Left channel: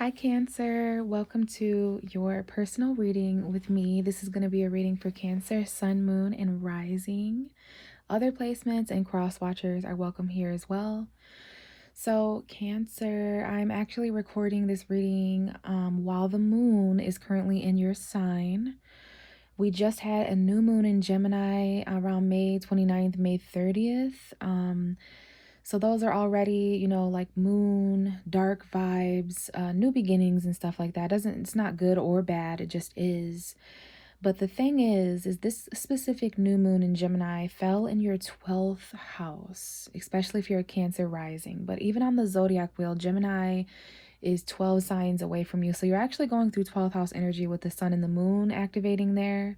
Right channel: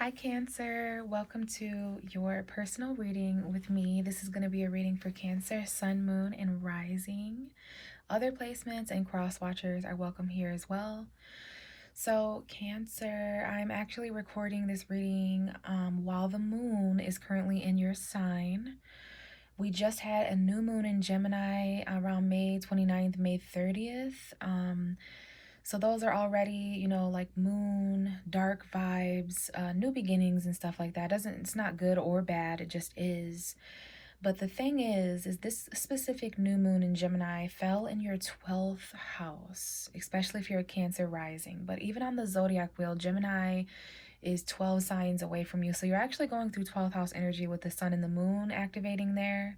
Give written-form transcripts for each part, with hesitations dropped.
Hi, Cancer. Welcome to your personal reading with me. This is going to be a reading for Cancer, Sun, Moon, and Rising. Other placements and cross watchers are welcome here as well. So, Cancer, I'm actually recording this reading while the moon is currently in your sign. We just had a new moon in Gemini around May 29th, May 30th. So those are already, like moon, dark vibes, new beginnings and stuff like that. It's not good or bad, it just is. But the thing is this specific new moon in Gemini fell in your 12th house, especially if you're a Cancer rising. But even on the zodiac wheel, Gemini is 12 signs away from you. So you're actually going through 12th house energy with the sun and the moon activating there.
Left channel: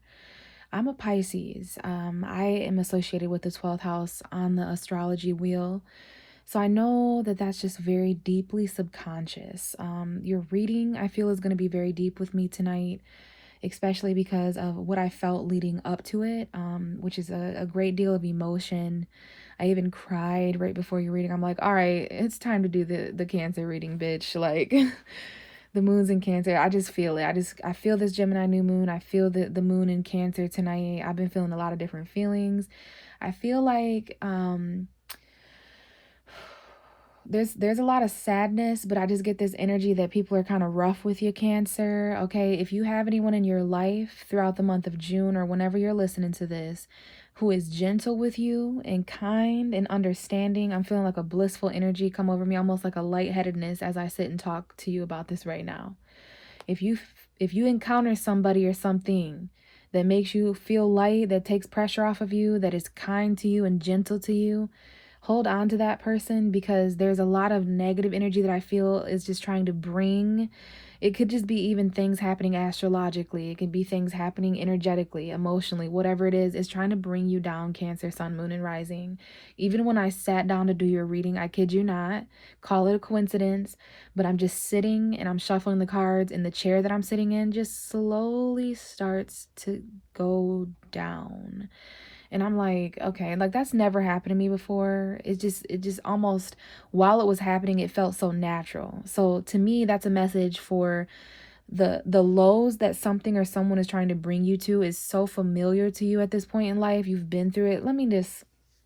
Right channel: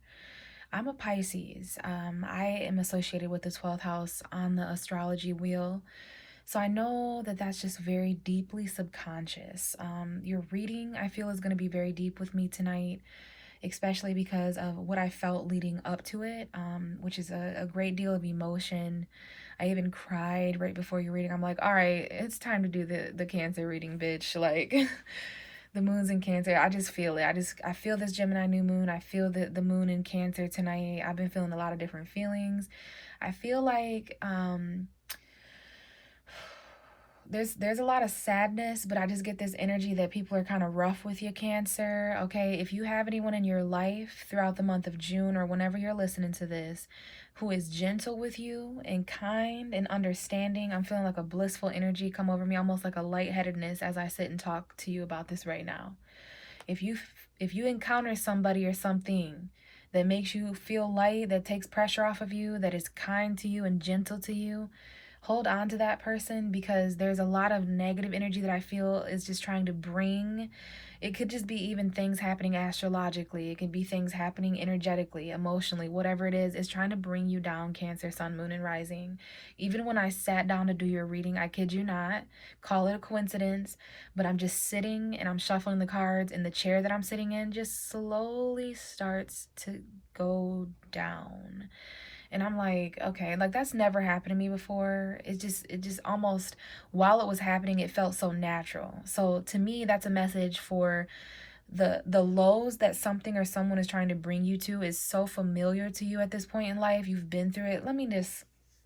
I'm a Pisces. I am associated with the 12th house on the astrology wheel. So I know that that's just very deeply subconscious. Your reading, I feel, is going to be very deep with me tonight, especially because of what I felt leading up to it, which is a great deal of emotion. I even cried right before your reading. I'm like, all right, it's time to do the Cancer reading, bitch. Like, the moon's in Cancer. I just feel it. I feel this Gemini new moon. I feel the moon in Cancer tonight. I've been feeling a lot of different feelings. I feel like there's a lot of sadness, but I just get this energy that people are kind of rough with you, Cancer. Okay, if you have anyone in your life throughout the month of June or whenever you're listening to this who is gentle with you and kind and understanding, I'm feeling like a blissful energy come over me, almost like a lightheadedness as I sit and talk to you about this right now. If you encounter somebody or something that makes you feel light, that takes pressure off of you, that is kind to you and gentle to you, hold on to that person, because there's a lot of negative energy that I feel is just trying to bring. It could just be even things happening astrologically. It could be things happening energetically, emotionally, whatever it is trying to bring you down, Cancer, Sun, Moon, and Rising. Even when I sat down to do your reading, I kid you not, call it a coincidence, but I'm just sitting and I'm shuffling the cards, and the chair that I'm sitting in just slowly starts to go down. And I'm like, okay, like that's never happened to me before. It just almost, while it was happening, it felt so natural. So to me, that's a message for the lows that something or someone is trying to bring you to is so familiar to you at this point in life. You've been through it. Let me just,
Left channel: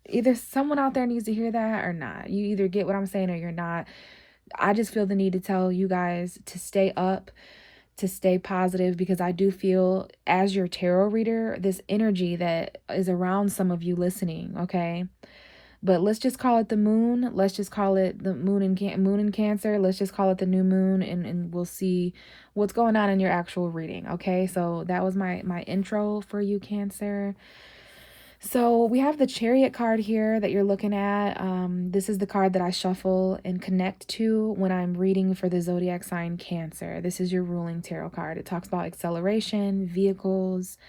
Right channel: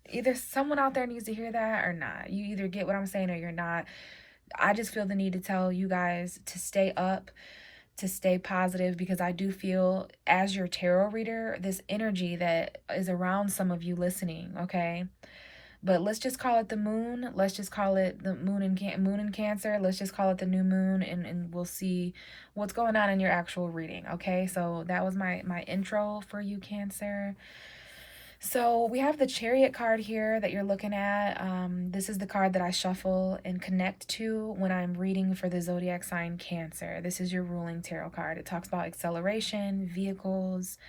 either someone out there needs to hear that or not. You either get what I'm saying or you're not. I just feel the need to tell you guys to stay up, to stay positive, because I do feel, as your tarot reader, this energy that is around some of you listening, okay? But let's just call it the moon. Let's just call it the moon in Cancer. Let's just call it the new moon, and we'll see what's going on in your actual reading, okay? So that was my intro for you, Cancer. So we have the Chariot card here that you're looking at. This is the card that I shuffle and connect to when I'm reading for the zodiac sign Cancer. This is your ruling tarot card. It talks about acceleration, vehicles,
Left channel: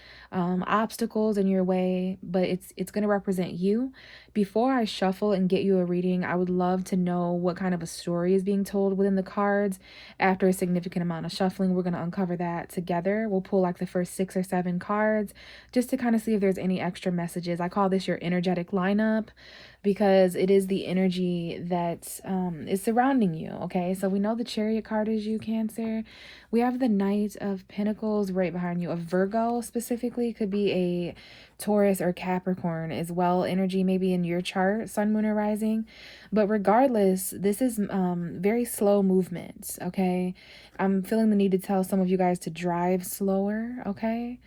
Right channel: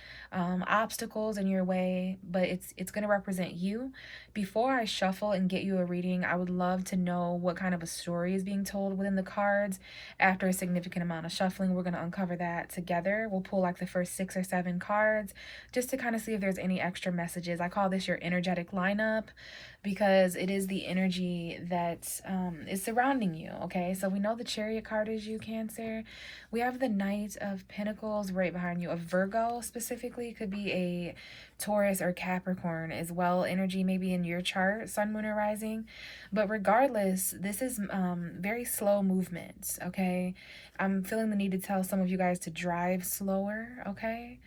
obstacles in your way, but it's going to represent you. Before I shuffle and get you a reading, I would love to know what kind of a story is being told within the cards. After a significant amount of shuffling, we're going to uncover that together. We'll pull like the first 6 or 7 cards just to kind of see if there's any extra messages. I call this your energetic lineup because it is the energy that is surrounding you. Okay, so we know the Chariot card is you, Cancer. We have the Knight of Pentacles right behind you. A Virgo specifically, could be a Taurus or Capricorn as well. Energy maybe in your chart, Sun, Moon, or Rising. But regardless, this is very slow movement. Okay, I'm feeling the need to tell some of you guys to drive slower. Okay.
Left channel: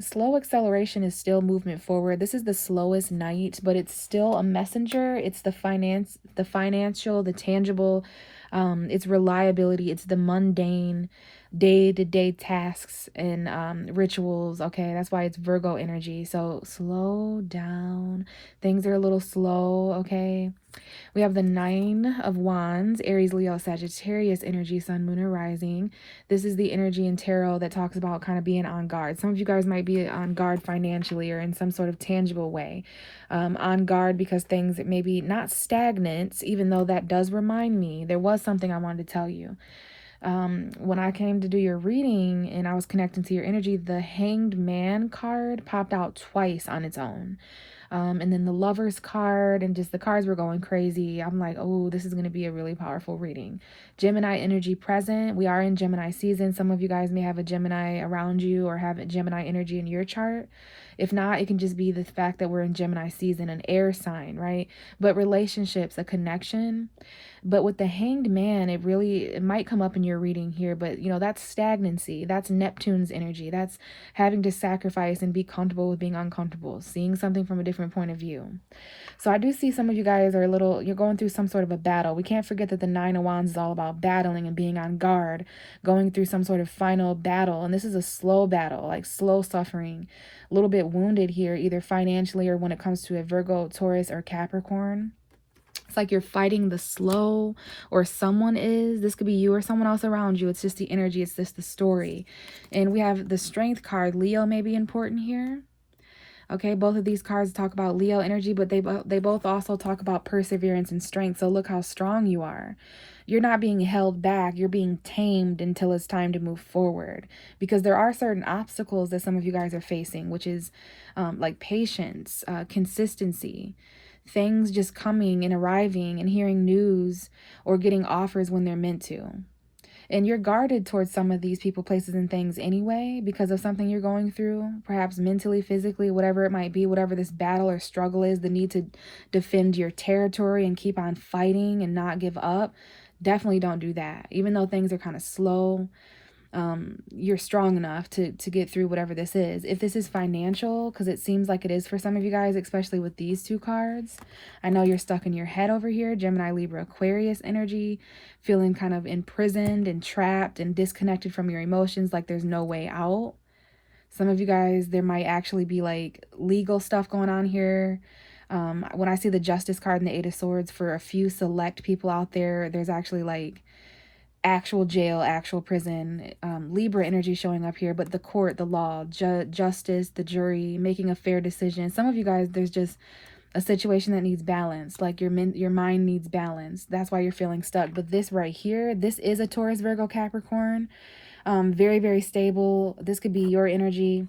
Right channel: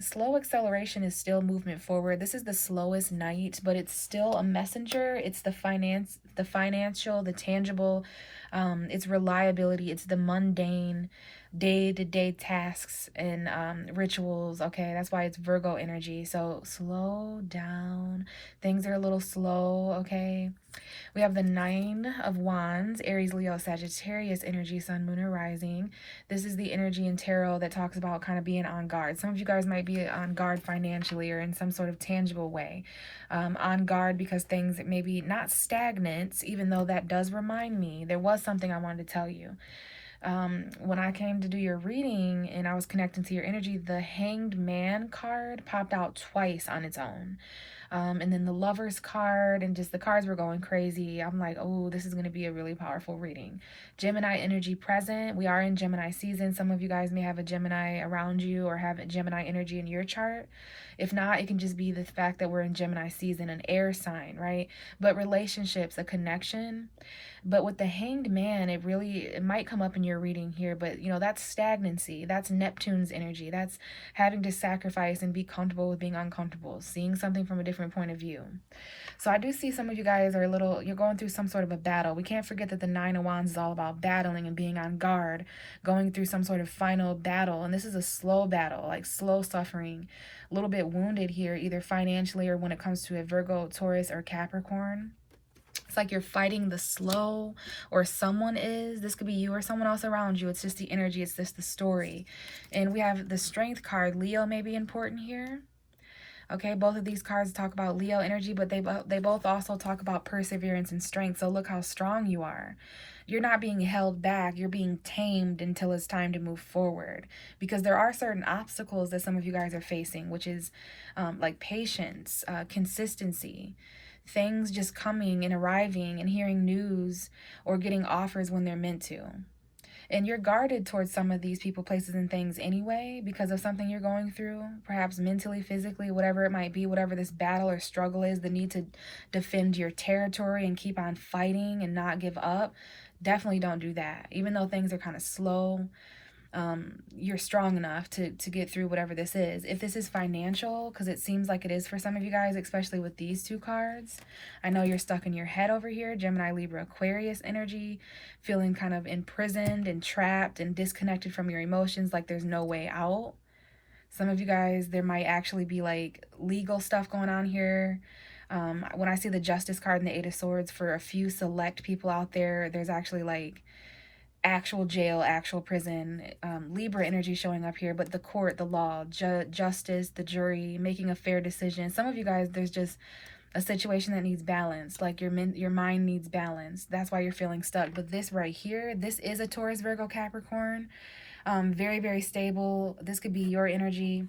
Slow acceleration is still movement forward. This is the slowest night, but it's still a messenger. It's the financial, the tangible, it's reliability, it's the mundane, day-to-day tasks and rituals. Okay, that's why it's Virgo energy. So slow down. Things are a little slow, okay? We have the Nine of Wands, Aries, Leo, Sagittarius energy, Sun, Moon, and Rising. This is the energy in tarot that talks about kind of being on guard. Some of you guys might be on guard financially or in some sort of tangible way. On guard because things may be not stagnant, even though that does remind me, there was something I wanted to tell you. When I came to do your reading and I was connecting to your energy, the Hanged Man card popped out twice on its own. And then the Lovers card, and just the cards were going crazy. I'm like, oh, this is going to be a really powerful reading. Gemini energy present. We are in Gemini season. Some of you guys may have a Gemini around you or have a Gemini energy in your chart. If not, it can just be the fact that we're in Gemini season, an air sign, right? But relationships, a connection. But with the Hanged Man, it might come up in your reading here, but that's stagnancy. That's Neptune's energy. That's having to sacrifice and be comfortable with being uncomfortable, seeing something from a different point of view. So I do see some of you guys you're going through some sort of a battle. We can't forget that the Nine of Wands is all about battling and being on guard, going through some sort of final battle. And this is a slow battle, like slow suffering, a little bit wounded here, either financially or when it comes to a Virgo, Taurus, or Capricorn. It's like you're fighting the slow, or someone is. This could be you or someone else around you. It's just the energy. It's just the story. And we have the Strength card. Leo may be important here. Okay, both of these cards talk about Leo energy, but they both also talk about perseverance and strength. So look how strong you are. You're not being held back. You're being tamed until it's time to move forward. Because there are certain obstacles that some of you guys are facing, which is like patience, consistency, things just coming and arriving and hearing news or getting offers when they're meant to. And you're guarded towards some of these people, places, and things anyway because of something you're going through, perhaps mentally, physically, whatever it might be, whatever this battle or struggle is, the need to defend your territory and keep on fighting and not give up. Definitely don't do that. Even though things are kind of slow, you're strong enough to get through whatever this is. If this is financial, because it seems like it is for some of you guys, especially with these two cards, I know you're stuck in your head over here. Gemini, Libra, Aquarius energy, feeling kind of imprisoned and trapped and disconnected from your emotions, like there's no way out. Some of you guys, there might actually be like legal stuff going on here. When I see the Justice card and the Eight of Swords, for a few select people out there, there's actually like actual jail, actual prison. Libra energy showing up here, but the court, the law, justice, the jury, making a fair decision. Some of you guys, there's just a situation that needs balance, like your mind needs balance. That's why you're feeling stuck. But this right here, this is a Taurus, Virgo, Capricorn. Very, very stable. This could be your energy.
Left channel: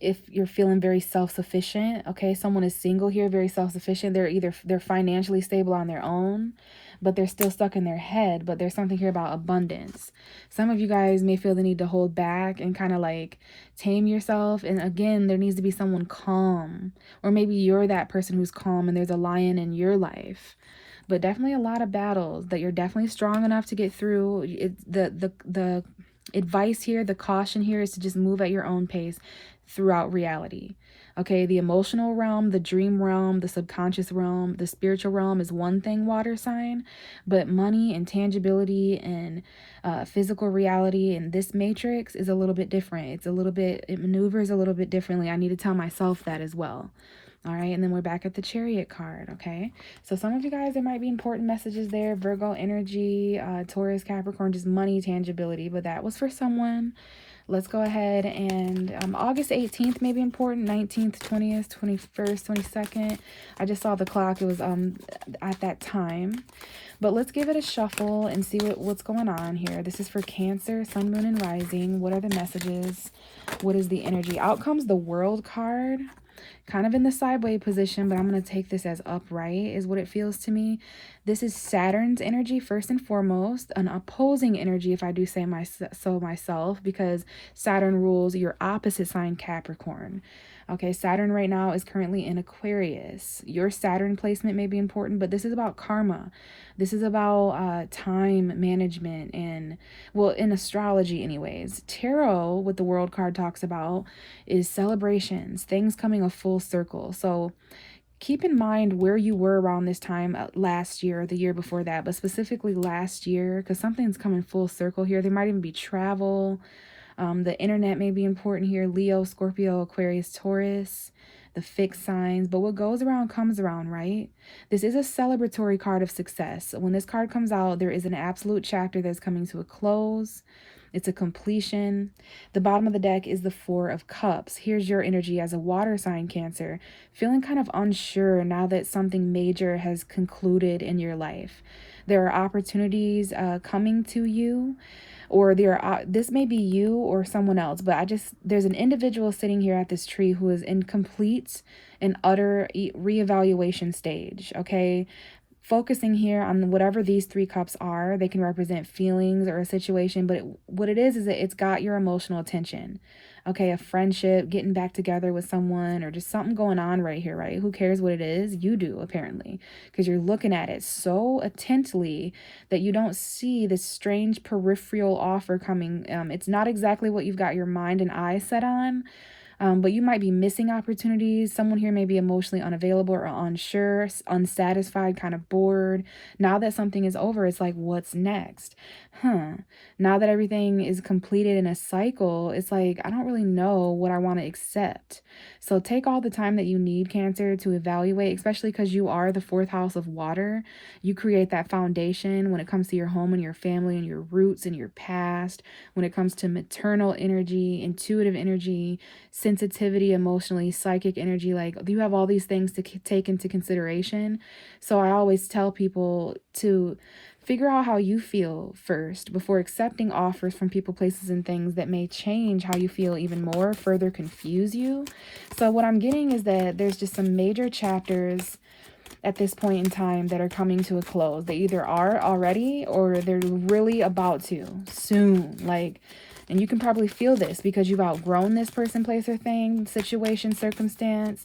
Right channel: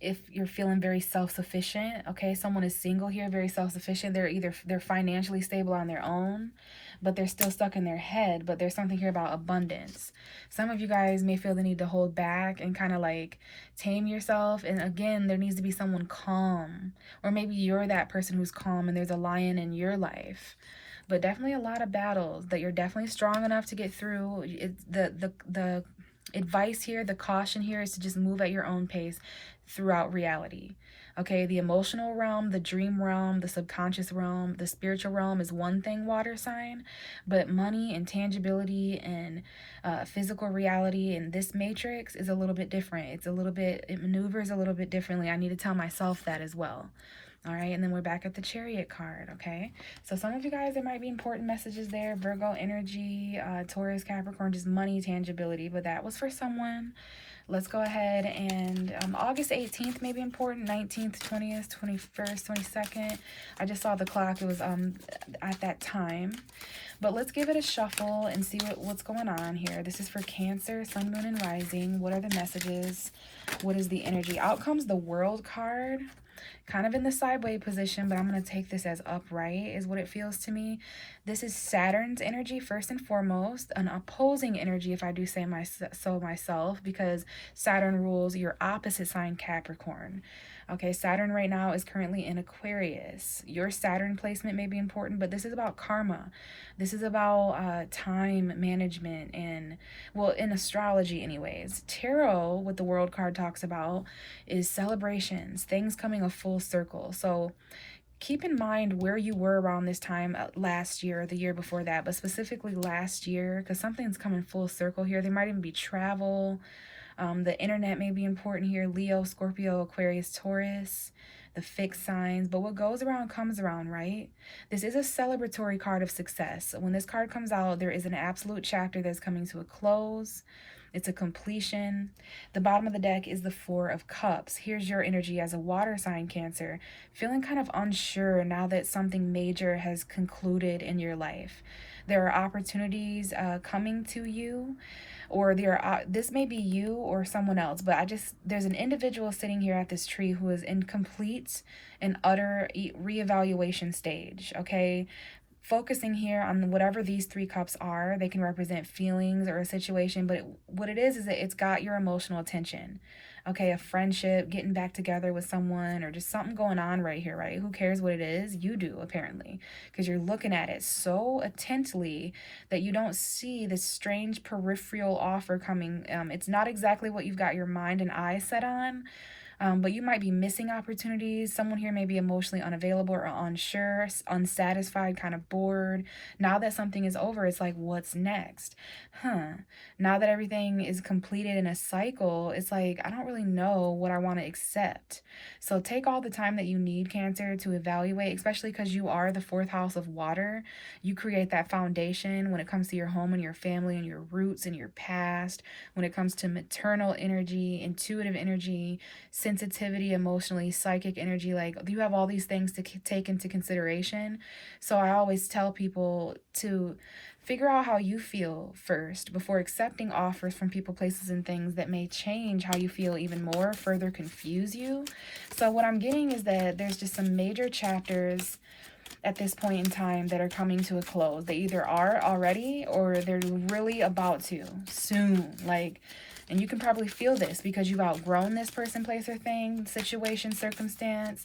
If you're feeling very self-sufficient, okay, someone is single here, very self-sufficient. They're financially stable on their own, but they're still stuck in their head. But there's something here about abundance. Some of you guys may feel the need to hold back and kind of like tame yourself. And again, there needs to be someone calm, or maybe you're that person who's calm and there's a lion in your life. But definitely a lot of battles that you're definitely strong enough to get through. The advice here, the caution here is to just move at your own pace throughout reality. Okay, the emotional realm, the dream realm, the subconscious realm, the spiritual realm is one thing, water sign, but money and tangibility and physical reality in this matrix is a little bit different. It maneuvers a little bit differently. I need to tell myself that as well. All right, and then we're back at the Chariot card, okay? So some of you guys, there might be important messages there. Virgo energy, Taurus, Capricorn, just money, tangibility, but that was for someone. Let's go ahead and August 18th may be important, 19th, 20th, 21st, 22nd. I just saw the clock. It was at that time. But let's give it a shuffle and see what's going on here. This is for Cancer, Sun, Moon, and Rising. What are the messages? What is the energy? Out comes the World card. Kind of in the sideways position, but I'm going to take this as upright is what it feels to me. This is Saturn's energy first and foremost, an opposing energy if I do say so myself, because Saturn rules your opposite sign, Capricorn. Okay, Saturn right now is currently in Aquarius. Your Saturn placement may be important, but this is about karma. This is about time management and, well, in astrology anyways. Tarot, what the World card talks about, is celebrations, things coming a full circle. So keep in mind where you were around this time last year or the year before that, but specifically last year, because something's coming full circle here. There might even be travel. The internet may be important here. Leo, Scorpio, Aquarius, Taurus, the fixed signs. But what goes around comes around, right? This is a celebratory card of success. When this card comes out, there is an absolute chapter that's coming to a close. It's a completion. The bottom of the deck is the Four of Cups. Here's your energy as a water sign, Cancer, feeling kind of unsure now that something major has concluded in your life. There are opportunities coming to you, or this may be you or someone else, but there's an individual sitting here at this tree who is in complete and utter reevaluation stage. Okay, focusing here on whatever these three cups are. They can represent feelings or a situation, but what it is that it's got your emotional attention. Okay, a friendship, getting back together with someone, or just something going on right here, right? Who cares what it is? You do, apparently, because you're looking at it so intently that you don't see this strange peripheral offer coming. It's not exactly what you've got your mind and eyes set on, but you might be missing opportunities. Someone here may be emotionally unavailable or unsure, unsatisfied, kind of bored. Now that something is over, it's like, what's next? Now that everything is completed in a cycle, it's like, I don't really know what I want to accept. So take all the time that you need, Cancer, to evaluate, especially because you are the fourth house of water. You create that foundation when it comes to your home and your family and your roots and your past, when it comes to maternal energy, intuitive energy, sensitivity, emotionally, psychic energy. Like, you have all these things to take into consideration. So I always tell people to figure out how you feel first before accepting offers from people, places, and things that may change how you feel even more, further confuse you. So what I'm getting is that there's just some major chapters at this point in time that are coming to a close. They either are already or they're really about to soon. Like, and you can probably feel this because you've outgrown this person, place, or thing, situation, circumstance.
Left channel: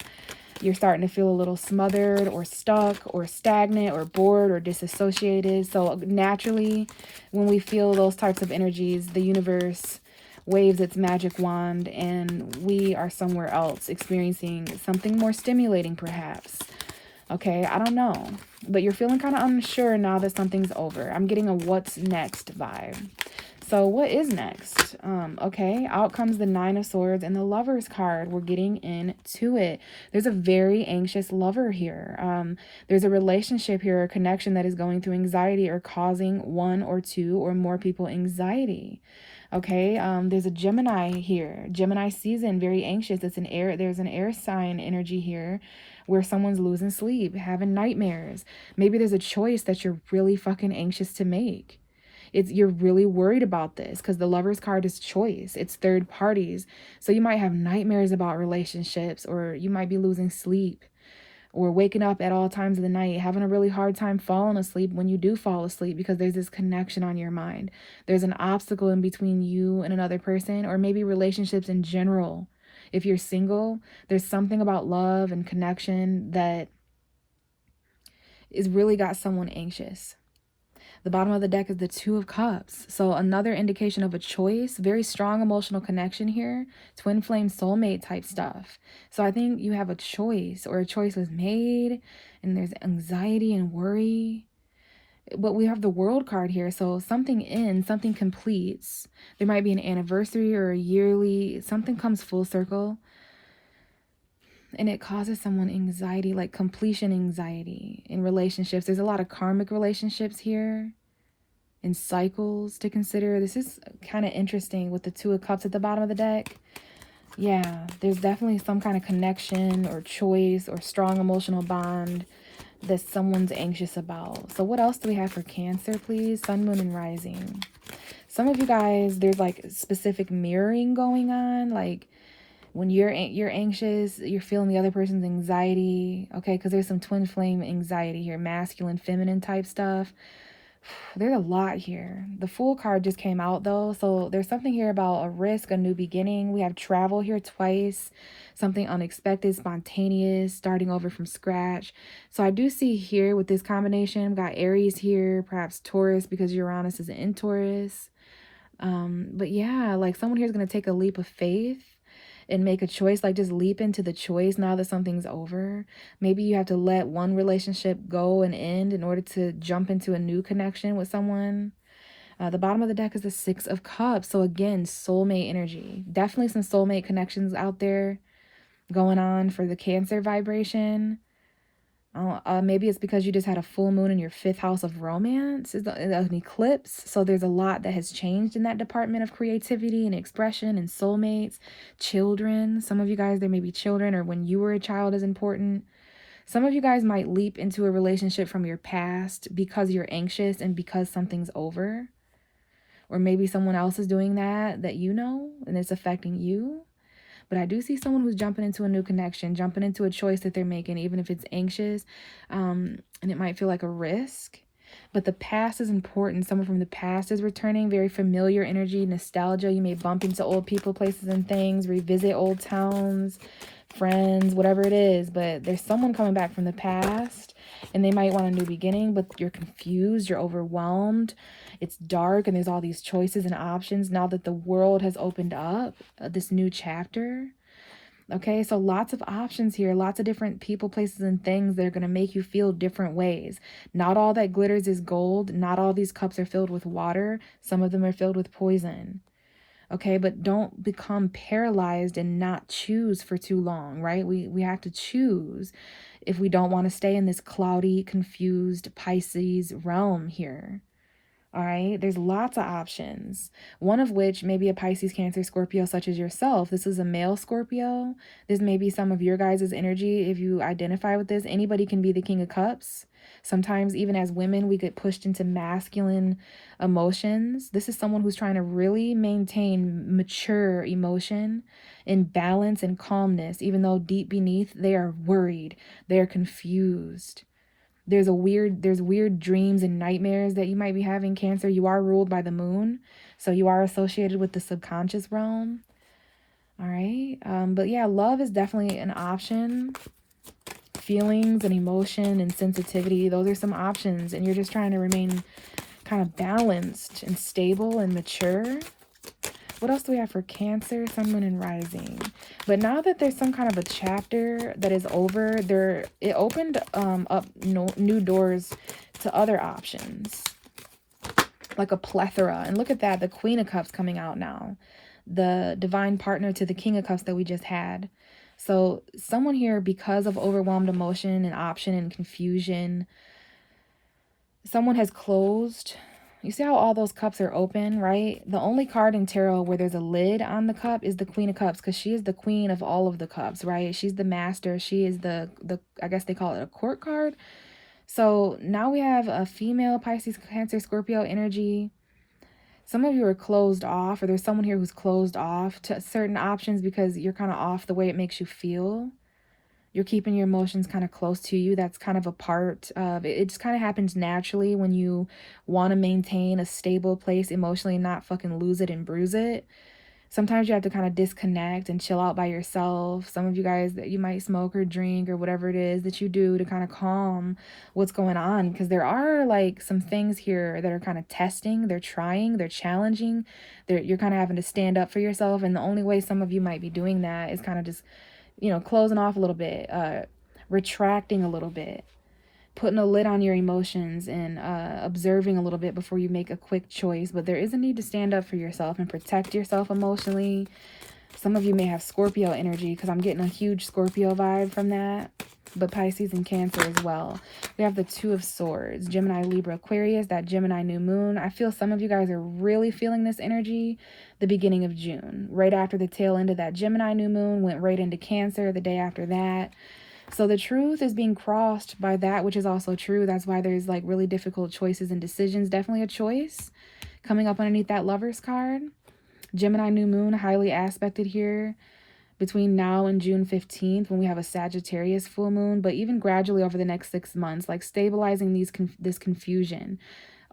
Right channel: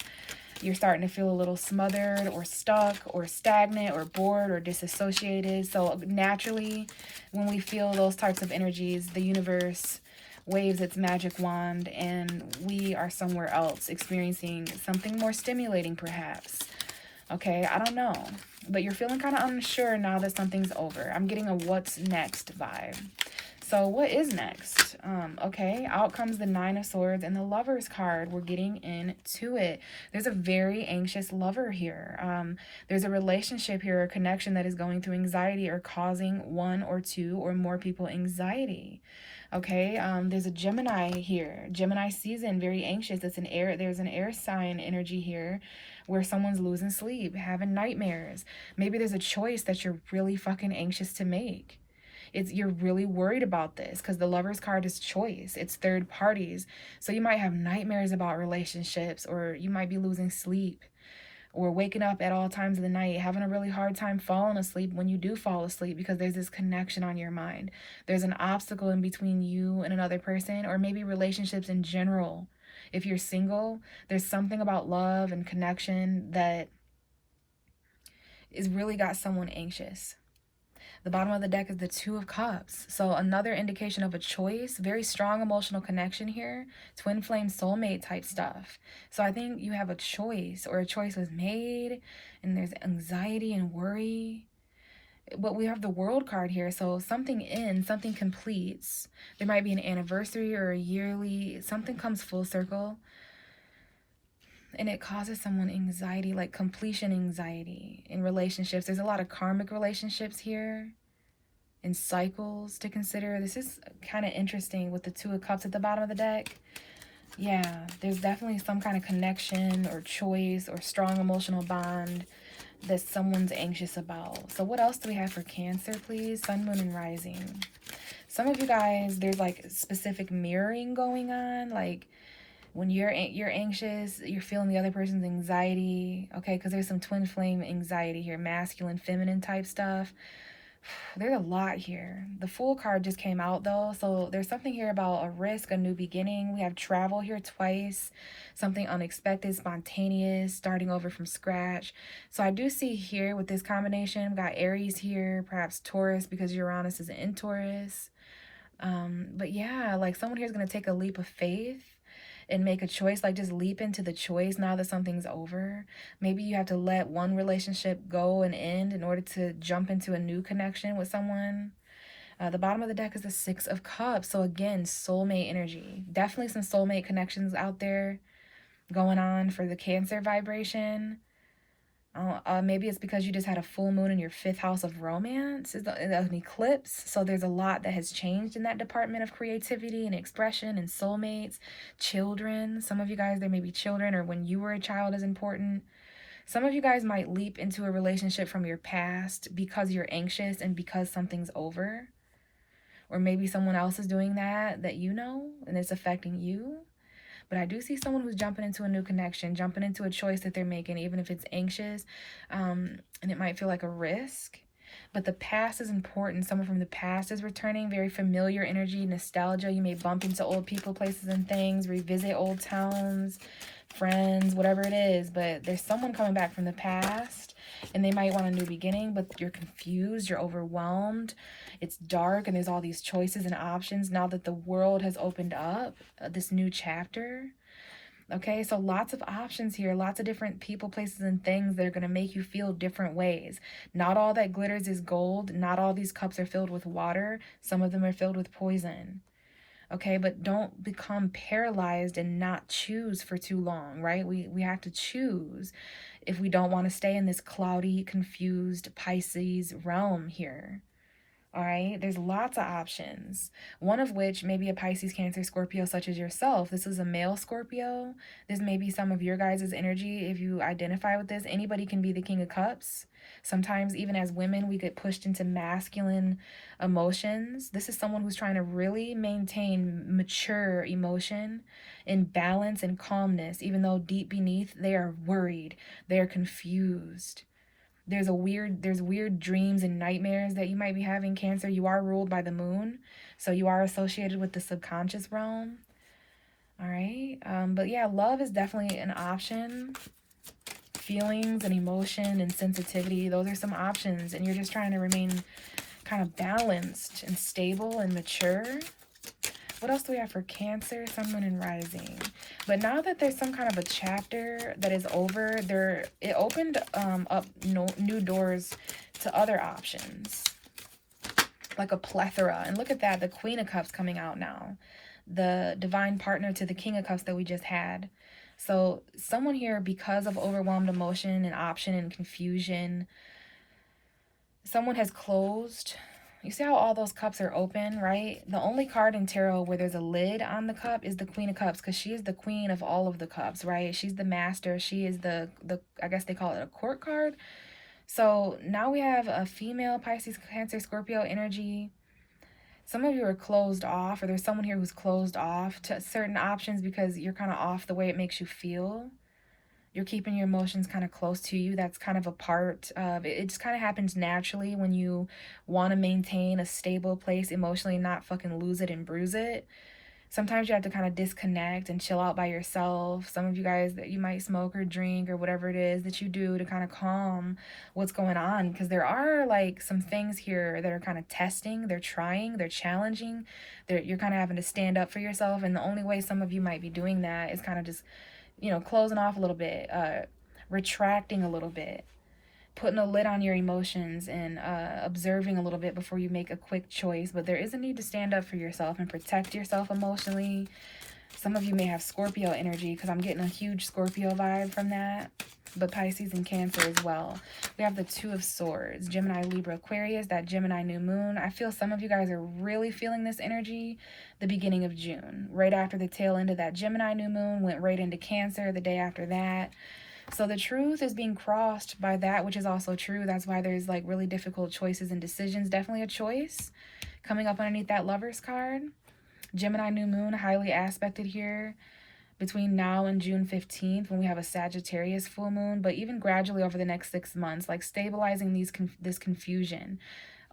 You're starting to feel a little smothered or stuck or stagnant or bored or disassociated. So naturally, when we feel those types of energies, the universe waves its magic wand and we are somewhere else experiencing something more stimulating, perhaps. Okay, I don't know, but you're feeling kind of unsure now that something's over. I'm getting a what's next vibe. So what is next? Okay, out comes the Nine of Swords and the Lover's card. We're getting into it. There's a very anxious lover here. There's a relationship here, a connection that is going through anxiety or causing one or two or more people anxiety. Okay, there's a Gemini here. Gemini season, very anxious. It's an air. There's an air sign energy here where someone's losing sleep, having nightmares. Maybe there's a choice that you're really fucking anxious to make. You're really worried about this because the Lover's card is choice. It's third parties. So you might have nightmares about relationships, or you might be losing sleep, or waking up at all times of the night, having a really hard time falling asleep when you do fall asleep because there's this connection on your mind. There's an obstacle in between you and another person, or maybe relationships in general. If you're single, there's something about love and connection that is really got someone anxious. The bottom of the deck is the Two of Cups. So another indication of a choice, very strong emotional connection here, twin flame soulmate type stuff. So I think you have a choice, or a choice was made and there's anxiety and worry. But we have the World card here, so something ends, something completes. There might be an anniversary or a yearly, something comes full circle. And it causes someone anxiety, like completion anxiety in relationships. There's a lot of karmic relationships here and cycles to consider. This is kind of interesting with the Two of Cups at the bottom of the deck. Yeah, there's definitely some kind of connection or choice or strong emotional bond that someone's anxious about. So what else do we have for Cancer, please? Sun, Moon, and Rising. Some of you guys, there's like specific mirroring going on, like when you're anxious, you're feeling the other person's anxiety, okay? Because there's some twin flame anxiety here, masculine, feminine type stuff. There's a lot here. The Fool card just came out though, so there's something here about a risk, a new beginning. We have travel here twice, something unexpected, spontaneous, starting over from scratch. So I do see here with this combination, we've got Aries here, perhaps Taurus because Uranus is in Taurus. But yeah, like someone here is going to take a leap of faith and make a choice, like just leap into the choice now that something's over. Maybe you have to let one relationship go and end in order to jump into a new connection with someone. The bottom of the deck is the Six of Cups. So again, soulmate energy. Definitely some soulmate connections out there going on for the Cancer vibration. Maybe it's because you just had a full moon in your fifth house of romance. It's an eclipse. So there's a lot that has changed in that department of creativity and expression and soulmates, children. Some of you guys, there may be children, or when you were a child is important. Some of you guys might leap into a relationship from your past because you're anxious and because something's over. or maybe someone else is doing that you know, and it's affecting you. But I do see someone who's jumping into a new connection, jumping into a choice that they're making, even if it's anxious, and it might feel like a risk. But the past is important. Someone from the past is returning, very familiar energy, nostalgia. You may bump into old people, places, and things, revisit old towns, friends, whatever it is. But there's someone coming back from the past, and they might want a new beginning, but you're confused, you're overwhelmed. It's dark, and there's all these choices and options now that the world has opened up, this new chapter. Okay, so lots of options here, lots of different people, places, and things that are going to make you feel different ways. Not all that glitters is gold. Not all these cups are filled with water. Some of them are filled with poison. Okay, but don't become paralyzed and not choose for too long, right? We have to choose if we don't want to stay in this cloudy, confused Pisces realm here. All right, there's lots of options, one of which may be a Pisces, Cancer, Scorpio, such as yourself. This is a male Scorpio. This may be some of your guys' energy. If you identify with this, anybody can be the King of Cups. Sometimes, even as women, we get pushed into masculine emotions. This is someone who's trying to really maintain mature emotion and balance and calmness, even though deep beneath they are worried, they are confused. There's weird dreams and nightmares that you might be having, Cancer. You are ruled by the moon, so you are associated with the subconscious realm. All right, but yeah, love is definitely an option. Feelings and emotion and sensitivity, those are some options, and you're just trying to remain kind of balanced and stable and mature. What else do we have for Cancer, Sun, Moon, and Rising? But now that there's some kind of a chapter that is over, it opened up new doors to other options, like a plethora. And look at that, the Queen of Cups coming out now, the divine partner to the King of Cups that we just had. So someone here, because of overwhelmed emotion and option and confusion, someone has closed. You see how all those cups are open, right? The only card in tarot where there's a lid on the cup is the Queen of Cups, because she is the queen of all of the cups, right? She's the master. She is the I guess they call it a court card. So now we have a female Pisces, Cancer, Scorpio energy. Some of you are closed off, or there's someone here who's closed off to certain options because you're kind of off the way it makes you feel. You're keeping your emotions kind of close to you. That's kind of a part of it. It just kind of happens naturally when you want to maintain a stable place emotionally and not fucking lose it and bruise it. Sometimes you have to kind of disconnect and chill out by yourself. Some of you guys, that you might smoke or drink or whatever it is that you do to kind of calm what's going on, because there are like some things here that are kind of testing, they're trying, they're challenging, you're kind of having to stand up for yourself. And the only way some of you might be doing that is kind of just, closing off a little bit, retracting a little bit, putting a lid on your emotions, and observing a little bit before you make a quick choice. But there is a need to stand up for yourself and protect yourself emotionally. Some of you may have Scorpio energy, because I'm getting a huge Scorpio vibe from that, but Pisces and Cancer as well. We have the Two of Swords, Gemini, Libra, Aquarius, that Gemini new moon. I feel some of you guys are really feeling this energy the beginning of June, right after the tail end of that Gemini new moon, went right into Cancer the day after that. So the truth is being crossed by that, which is also true. That's why there's like really difficult choices and decisions. Definitely a choice coming up underneath that Lovers card. Gemini new moon, highly aspected here between now and June 15th, when we have a Sagittarius full moon, but even gradually over the next 6 months, like stabilizing this confusion,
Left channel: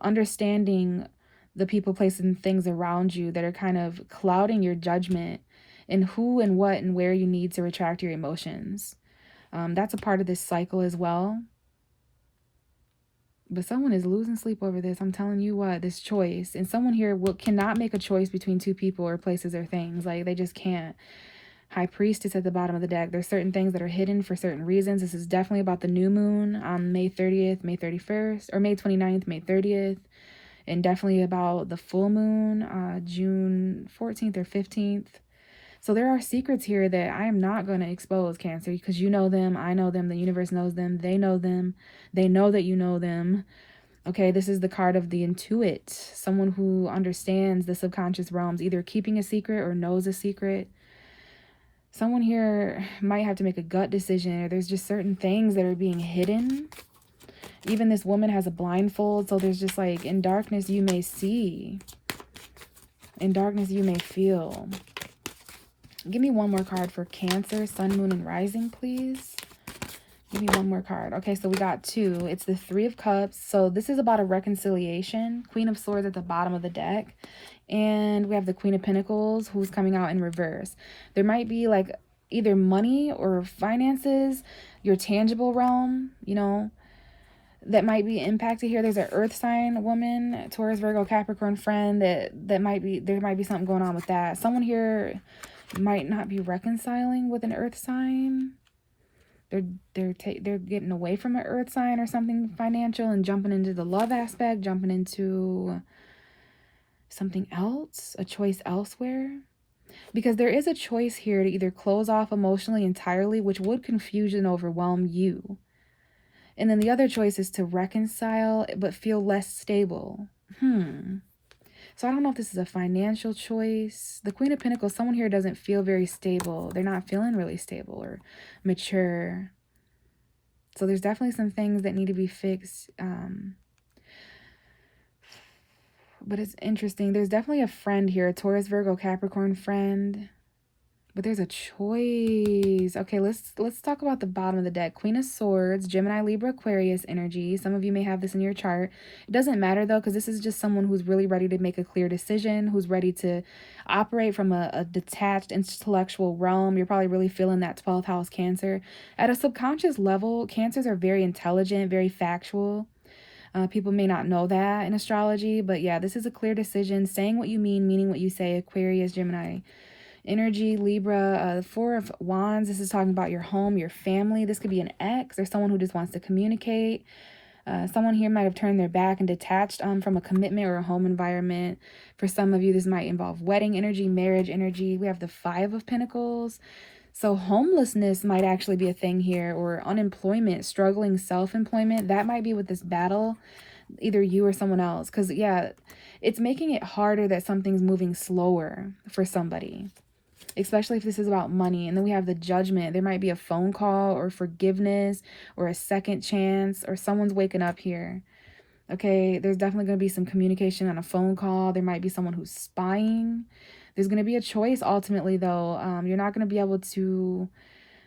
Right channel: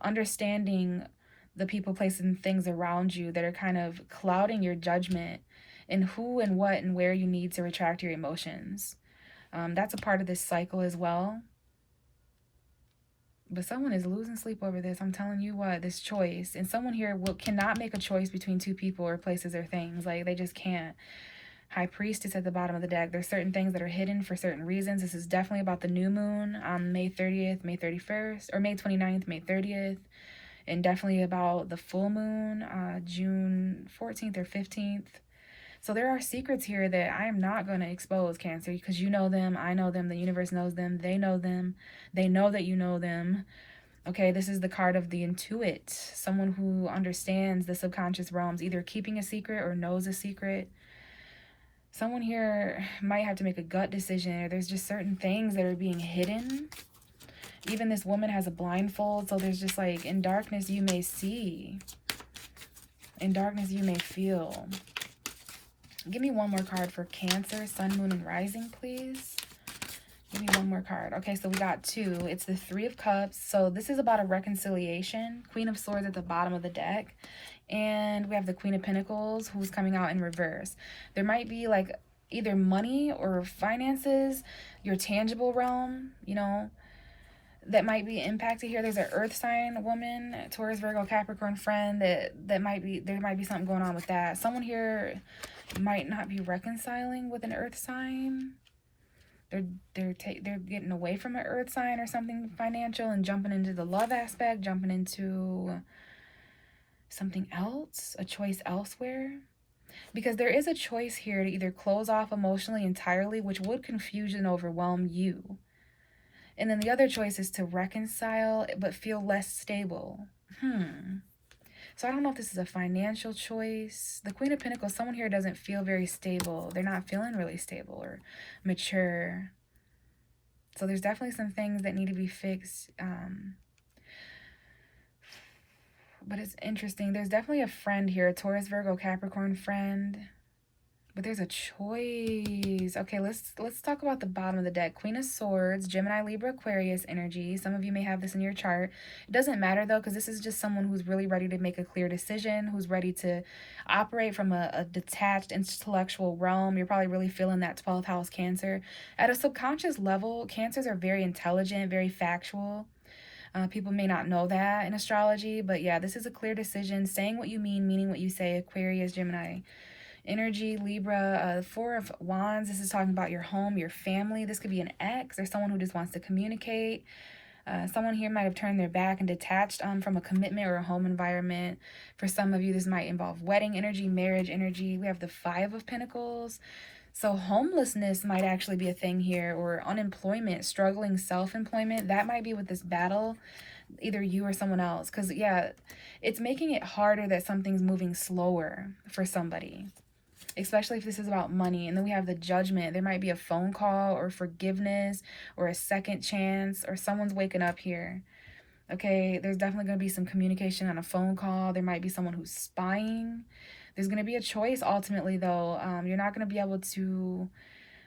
understanding the people, places, and things around you that are kind of clouding your judgment and who and what and where you need to retract your emotions. That's a part of this cycle as well. But someone is losing sleep over this. I'm telling you what, this choice. And someone here cannot make a choice between two people or places or things. Like, they just can't. High Priestess at the bottom of the deck. There's certain things that are hidden for certain reasons. This is definitely about the new moon on May 30th, May 31st, or May 29th, May 30th. And definitely about the full moon, June 14th or 15th. So there are secrets here that I am not going to expose, Cancer, because you know them, I know them, the universe knows them, they know that you know them. Okay, this is the card of the intuit, someone who understands the subconscious realms, either keeping a secret or knows a secret. Someone here might have to make a gut decision, or there's just certain things that are being hidden. Even this woman has a blindfold, so there's just like, in darkness you may see. In darkness you may feel. Give me one more card for Cancer, Sun, Moon, and Rising, please. Give me one more card. Okay, so we got 2. It's the 3 of Cups. So this is about a reconciliation. Queen of Swords at the bottom of the deck. And we have the Queen of Pentacles, who's coming out in reverse. There might be like either money or finances, your tangible realm, you know, that might be impacted here. There's an earth sign woman, Taurus, Virgo, Capricorn friend that might be, there might be something going on with that. Someone here might not be reconciling with an earth sign. They're getting away from an earth sign or something financial and jumping into the love aspect, jumping into something else, a choice elsewhere. Because there is a choice here to either close off emotionally entirely, which would confuse and overwhelm you. And then the other choice is to reconcile but feel less stable. So I don't know if this is a financial choice. The Queen of Pentacles, someone here doesn't feel very stable. They're not feeling really stable or mature. So there's definitely some things that need to be fixed. But it's interesting. There's definitely a friend here, a Taurus, Virgo, Capricorn friend. But there's a choice. Okay, let's talk about the bottom of the deck. Queen of Swords, Gemini, Libra, Aquarius energy. Some of you may have this in your chart. It doesn't matter though, because this is just someone who's really ready to make a clear decision, who's ready to operate from a detached intellectual realm. You're probably really feeling that 12th house Cancer. At a subconscious level, Cancers are very intelligent, very factual. People may not know that in astrology, but yeah, this is a clear decision. Saying what you mean, meaning what you say. Aquarius, Gemini energy, Libra, 4 of Wands. This is talking about your home, your family. This could be an ex or someone who just wants to communicate. Someone here might have turned their back and detached from a commitment or a home environment. For some of you, this might involve wedding energy, marriage energy. We have the 5 of Pentacles. So homelessness might actually be a thing here, or unemployment, struggling self-employment. That might be with this battle, either you or someone else. Because, yeah, it's making it harder that something's moving slower for somebody, especially if this is about money. And then we have the Judgment. There might be a phone call or forgiveness or a second chance, or someone's waking up here. Okay, there's definitely going to be some communication on a phone call. There might be someone who's spying. There's going to be a choice ultimately, though. You're not going to be able to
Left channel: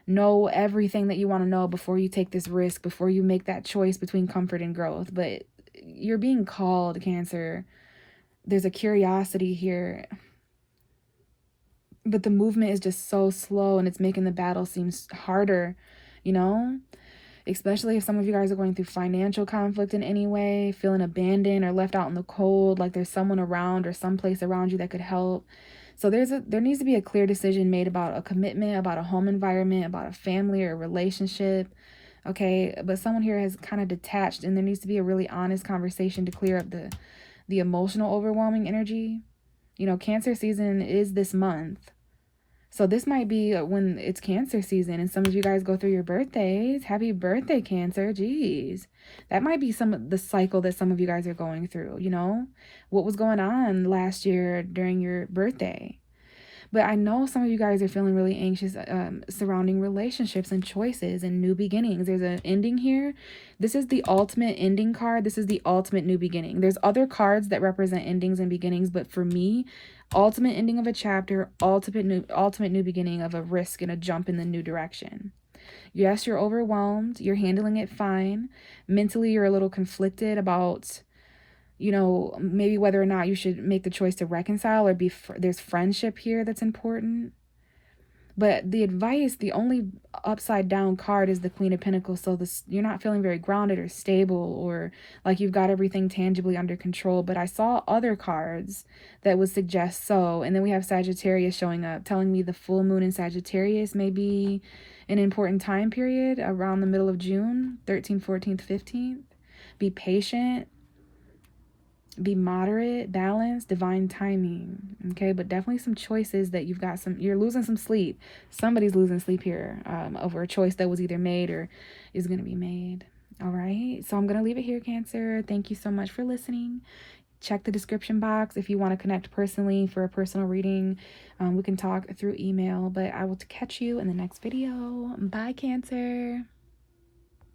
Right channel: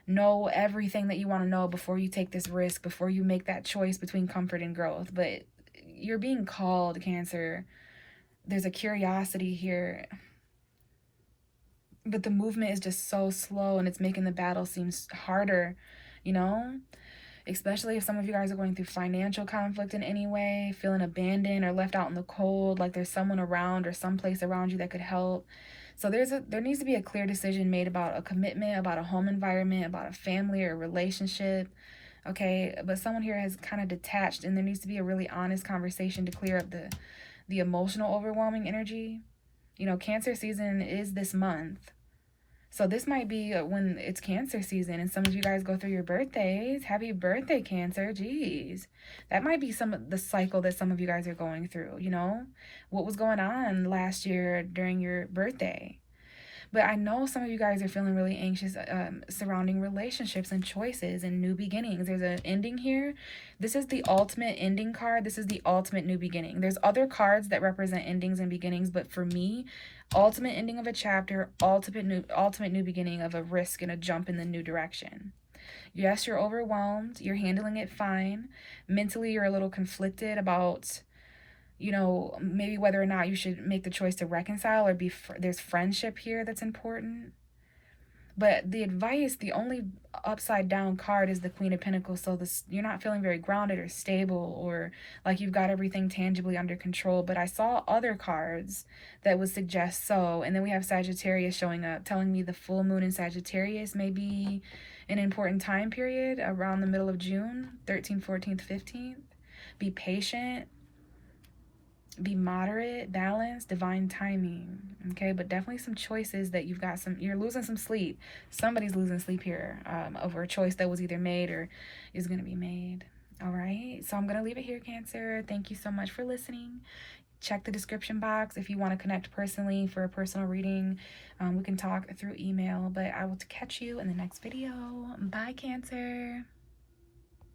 know everything that you want to know before you take this risk, before you make that choice between comfort and growth. But you're being called, Cancer. There's a curiosity here. But the movement is just so slow, and it's making the battle seem harder, you know? Especially if some of you guys are going through financial conflict in any way, feeling abandoned or left out in the cold, like there's someone around or someplace around you that could help. So there needs to be a clear decision made about a commitment, about a home environment, about a family or a relationship. Okay, but someone here has kind of detached, and there needs to be a really honest conversation to clear up the emotional overwhelming energy. You know, Cancer season is this month. So this might be when it's Cancer season, and some of you guys go through your birthdays. Happy birthday, Cancer. Jeez. That might be some of the cycle that some of you guys are going through, you know? What was going on last year during your birthday? But I know some of you guys are feeling really anxious surrounding relationships and choices and new beginnings. There's an ending here. This is the ultimate ending card. This is the ultimate new beginning. There's other cards that represent endings and beginnings, but for me, ultimate ending of a chapter, ultimate new beginning of a risk and a jump in the new direction. Yes, you're overwhelmed. You're handling it fine. Mentally, you're a little conflicted about, you know, maybe whether or not you should make the choice to reconcile or there's friendship here that's important. But the advice, the only upside down card is the Queen of Pentacles. So you're not feeling very grounded or stable, or like you've got everything tangibly under control. But I saw other cards that would suggest so. And then we have Sagittarius showing up, telling me the full moon in Sagittarius may be an important time period around the middle of June, 13th, 14th, 15th. Be patient. Be moderate, balanced, divine timing. Okay, but definitely some choices that you're losing some sleep. Somebody's losing sleep here over a choice that was either made or is going to be made. All right, so I'm going to leave it here, Cancer. Thank you so much for listening. Check the description box if you want to connect personally for a personal reading. We can talk through email, but I will catch you in the next video. Bye, Cancer.